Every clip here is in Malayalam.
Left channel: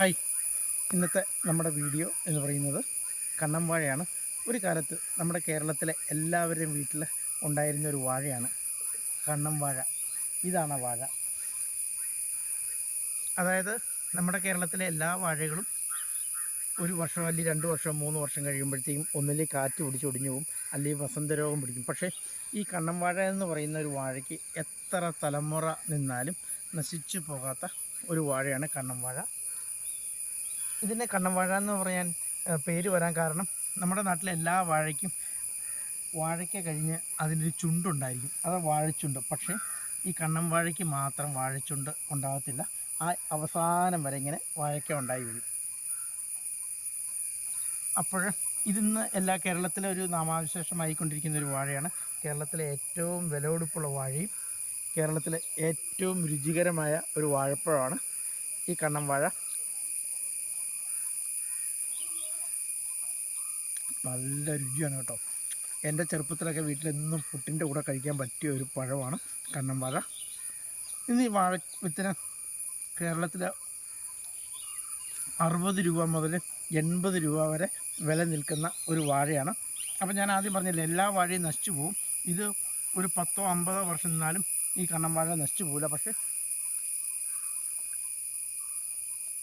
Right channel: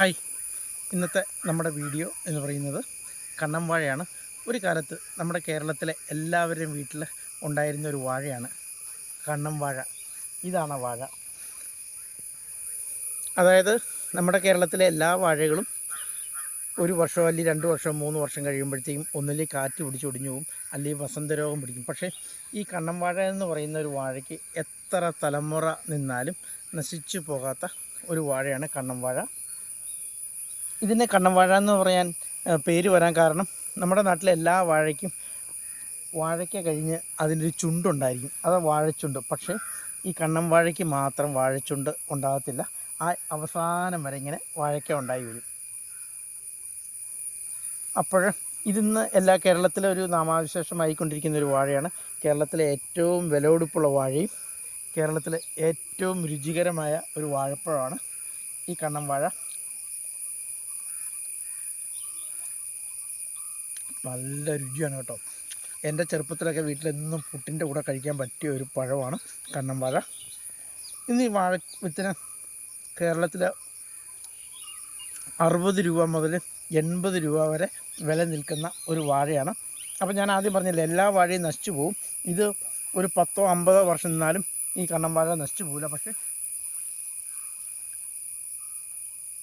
ഹായ്. ഇന്നത്തെ നമ്മുടെ വീഡിയോ എന്ന് പറയുന്നത് കണ്ണം വാഴയാണ് ഒരു കാലത്ത് നമ്മുടെ കേരളത്തിലെ എല്ലാവരുടെയും വീട്ടിൽ ഉണ്ടായിരുന്ന ഒരു വാഴയാണ് കണ്ണം വാഴ ഇതാണ് വാഴ. അതായത് നമ്മുടെ കേരളത്തിലെ എല്ലാ വാഴകളും ഒരു വർഷം അല്ലെങ്കിൽ രണ്ട് വർഷം മൂന്ന് വർഷം കഴിയുമ്പോഴത്തേക്കും ഒന്നിലേ കാറ്റ് പിടിച്ച് ഒടിഞ്ഞു പോകും അല്ലെങ്കിൽ വസന്തരോഗം പിടിക്കും. പക്ഷേ ഈ കണ്ണം വാഴ എന്ന് പറയുന്ന ഒരു വാഴയ്ക്ക് എത്ര തലമുറ നിന്നാലും നശിച്ചു പോകാത്ത ഒരു വാഴയാണ് കണ്ണം വാഴ ഇതിനെ കണ്ണം വാഴ എന്ന് പറയാൻ പേര് വരാൻ കാരണം നമ്മുടെ നാട്ടിലെ എല്ലാ വാഴയ്ക്കും വാഴയ്ക്ക കഴിഞ്ഞ് അതിനൊരു ചുണ്ടുണ്ടായിരിക്കും. അത് വാഴച്ചുണ്ട്. പക്ഷേ ഈ കണ്ണം വാഴയ്ക്ക് മാത്രം വാഴച്ചുണ്ട് ഉണ്ടാകത്തില്ല. ആ അവസാനം വരെ ഇങ്ങനെ വാഴയ്ക്ക ഉണ്ടായി വരും. അപ്പോൾ ഇതിന്ന് എല്ലാ കേരളത്തിലെ ഒരു നാമാവിശേഷമായിക്കൊണ്ടിരിക്കുന്ന ഒരു വാഴയാണ്. കേരളത്തിലെ ഏറ്റവും വിലവെടുപ്പുള്ള വാഴയും കേരളത്തിലെ ഏറ്റവും രുചികരമായ ഒരു വാഴപ്പഴമാണ് ഈ കണ്ണം വാഴ. നല്ല രുചിയാണ് കേട്ടോ. എന്റെ ചെറുപ്പത്തിലൊക്കെ വീട്ടിലെന്നും പുട്ടിന്റെ കൂടെ കഴിക്കാൻ പറ്റിയ ഒരു പഴമാണ് കണ്ണം വാഴ ഇന്ന് ഈ വാഴ വിത്തിന് കേരളത്തിൽ അറുപത് രൂപ മുതൽ എൺപത് രൂപ വരെ വില നിൽക്കുന്ന ഒരു വാഴയാണ്. അപ്പോൾ ഞാൻ ആദ്യം പറഞ്ഞില്ല എല്ലാ വാഴയും നശിച്ചു പോവും. ഇത് ഒരു പത്തോ അമ്പതോ വർഷം നിന്നാലും ഈ കണ്ണം വാഴ നശിച്ചു പോവില്ല. പക്ഷേ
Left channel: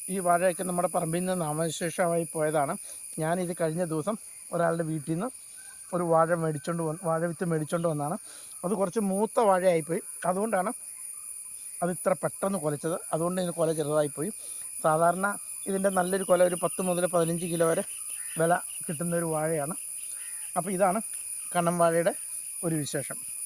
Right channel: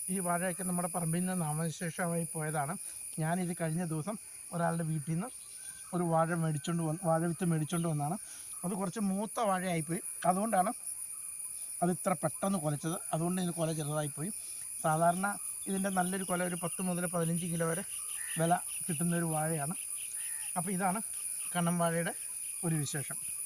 ഈ വാഴയൊക്കെ നമ്മുടെ പറമ്പിൽ നിന്ന് നാമവിശേഷമായി പോയതാണ്. ഞാനിത് കഴിഞ്ഞ ദിവസം ഒരാളുടെ വീട്ടിൽ നിന്ന് ഒരു വാഴ മേടിച്ചുകൊണ്ട് വന്ന് വാഴ വിത്ത് മേടിച്ചുകൊണ്ട് വന്നാണ്. അത് കുറച്ച് മൂത്ത വാഴയായിപ്പോയി. അതുകൊണ്ടാണ് അത് ഇത്ര പെട്ടെന്ന് കുലച്ചത്. അതുകൊണ്ട് ഇതിന് കുല ചെറുതായിപ്പോയി. സാധാരണ ഇതിന്റെ നല്ലൊരു കുല ഒരു പത്ത് മുതൽ പതിനഞ്ച് കിലോ വരെ വില കിട്ടുന്ന ഒരു വാഴയാണ്. അപ്പോൾ ഇതാണ് കണ്ണൻ വാഴയുടെ ഒരു വിശേഷം.